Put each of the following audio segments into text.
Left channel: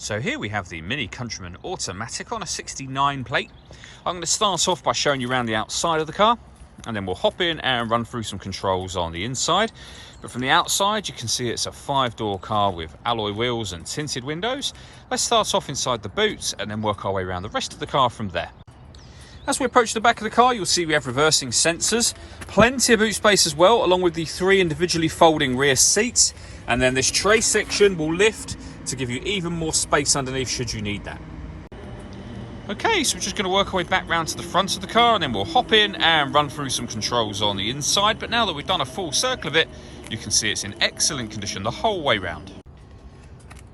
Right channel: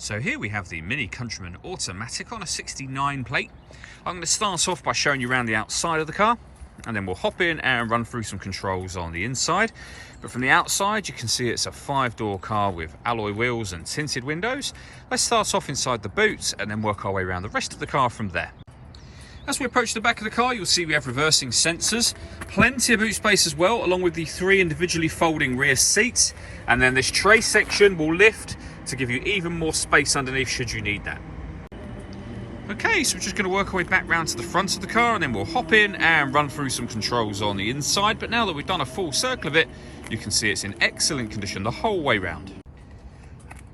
So here we have the Mini Countryman automatic on a 69 plate. I'm going to start off by showing you around the outside of the car, and then we'll hop in and run through some controls on the inside. But from the outside, you can see it's a 5-door car with alloy wheels and tinted windows. Let's start off inside the boot and then work our way around the rest of the car from there. As we approach the back of the car, you'll see we have reversing sensors, plenty of boot space as well, along with the 3 individually folding rear seats. And then this tray section will lift to give you even more space underneath should you need that. Okay, so we're just going to work our way back round to the front of the car, and then we'll hop in and run through some controls on the inside. But now that we've done a full circle of it, you can see it's in excellent condition the whole way round.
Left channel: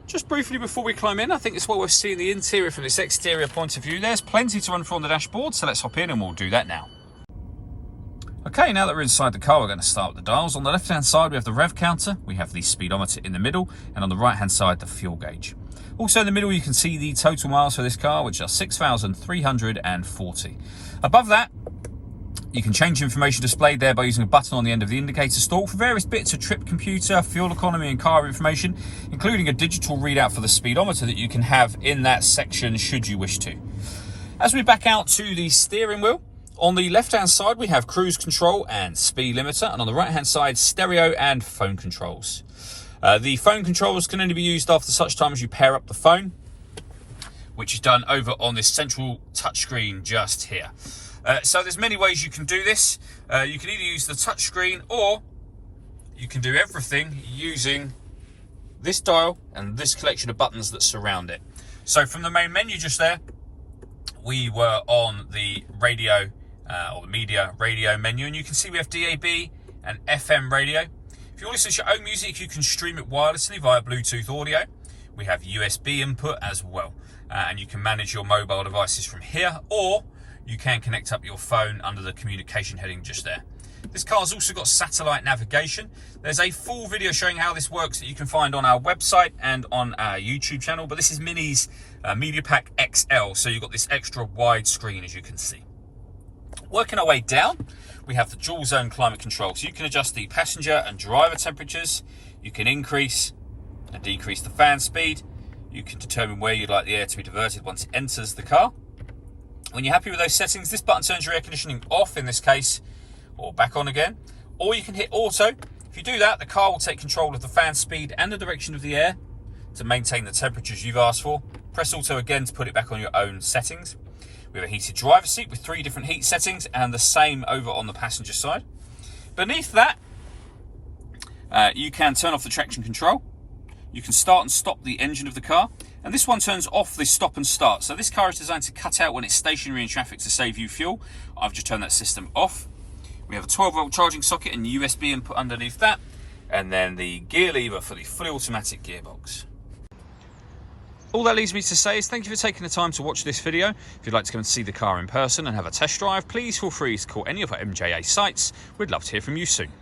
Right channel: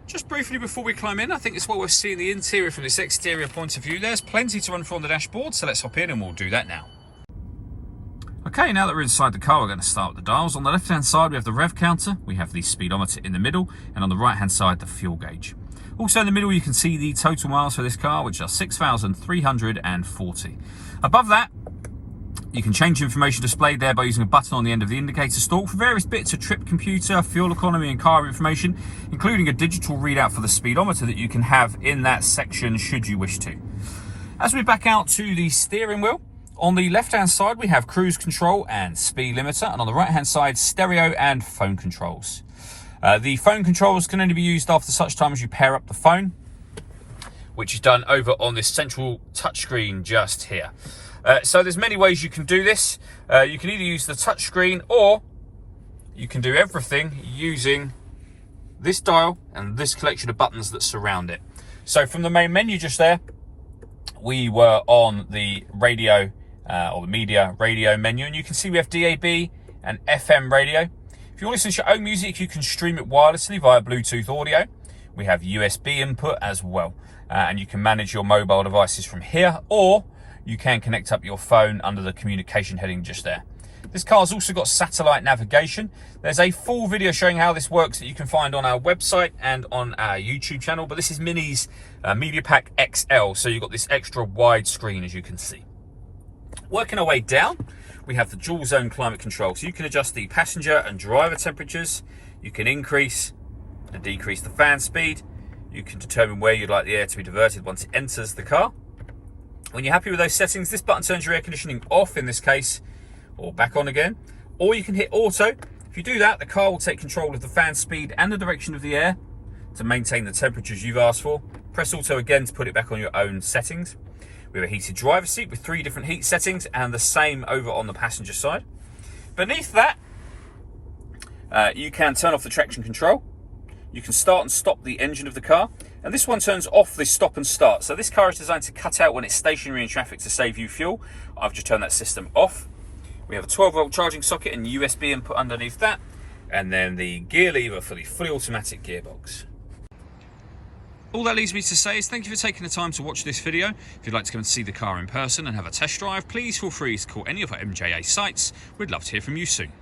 Just briefly before we climb in, I think it's well worth seeing the interior from this exterior point of view. There's plenty to run through on the dashboard, so let's hop in and we'll do that now. Okay, now that we're inside the car, we're going to start with the dials. On the left-hand side, we have the rev counter, we have the speedometer in the middle, and on the right-hand side, the fuel gauge. Also in the middle, you can see the total miles for this car, which are 6,340. Above that, you can change information displayed there by using a button on the end of the indicator stalk for various bits of trip computer, fuel economy and car information, including a digital readout for the speedometer that you can have in that section should you wish to. As we back out to the steering wheel, on the left-hand side, we have cruise control and speed limiter, and on the right-hand side, stereo and phone controls. The phone controls can only be used after such time as you pair up the phone, which is done over on this central touchscreen just here. So there's many ways you can do this. You can either use the touchscreen, or you can do everything using this dial and this collection of buttons that surround it. So from the main menu just there, we were on the radio, or the media radio menu, and you can see we have DAB and FM radio. If you want to listen to your own music, you can stream it wirelessly via Bluetooth audio. We have USB input as well, and you can manage your mobile devices from here, or you can connect up your phone under the communication heading just there. This car's also got satellite navigation. There's a full video showing how this works that you can find on our website and on our YouTube channel, but this is Mini's Media Pack XL, so you've got this extra wide screen, as you can see. Working our way down, we have the dual zone climate control. So you can adjust the passenger and driver temperatures. You can increase and decrease the fan speed. You can determine where you'd like the air to be diverted once it enters the car. When you're happy with those settings, this button turns your air conditioning off in this case, or back on again. Or you can hit auto. If you do that, the car will take control of the fan speed and the direction of the air to maintain the temperatures you've asked for. Press auto again to put it back on your own settings. We have a heated driver's seat with 3 different heat settings, and the same over on the passenger side. Beneath that, you can turn off the traction control. You can start and stop the engine of the car, and this one turns off the stop and start. So this car is designed to cut out when it's stationary in traffic to save you fuel. I've just turned that system off. We have a 12-volt charging socket and USB input underneath that, and then the gear lever for the fully automatic gearbox. All that leaves me to say is thank you for taking the time to watch this video. If you'd like to come and see the car in person and have a test drive, please feel free to call any of our MJA sites. We'd love to hear from you soon.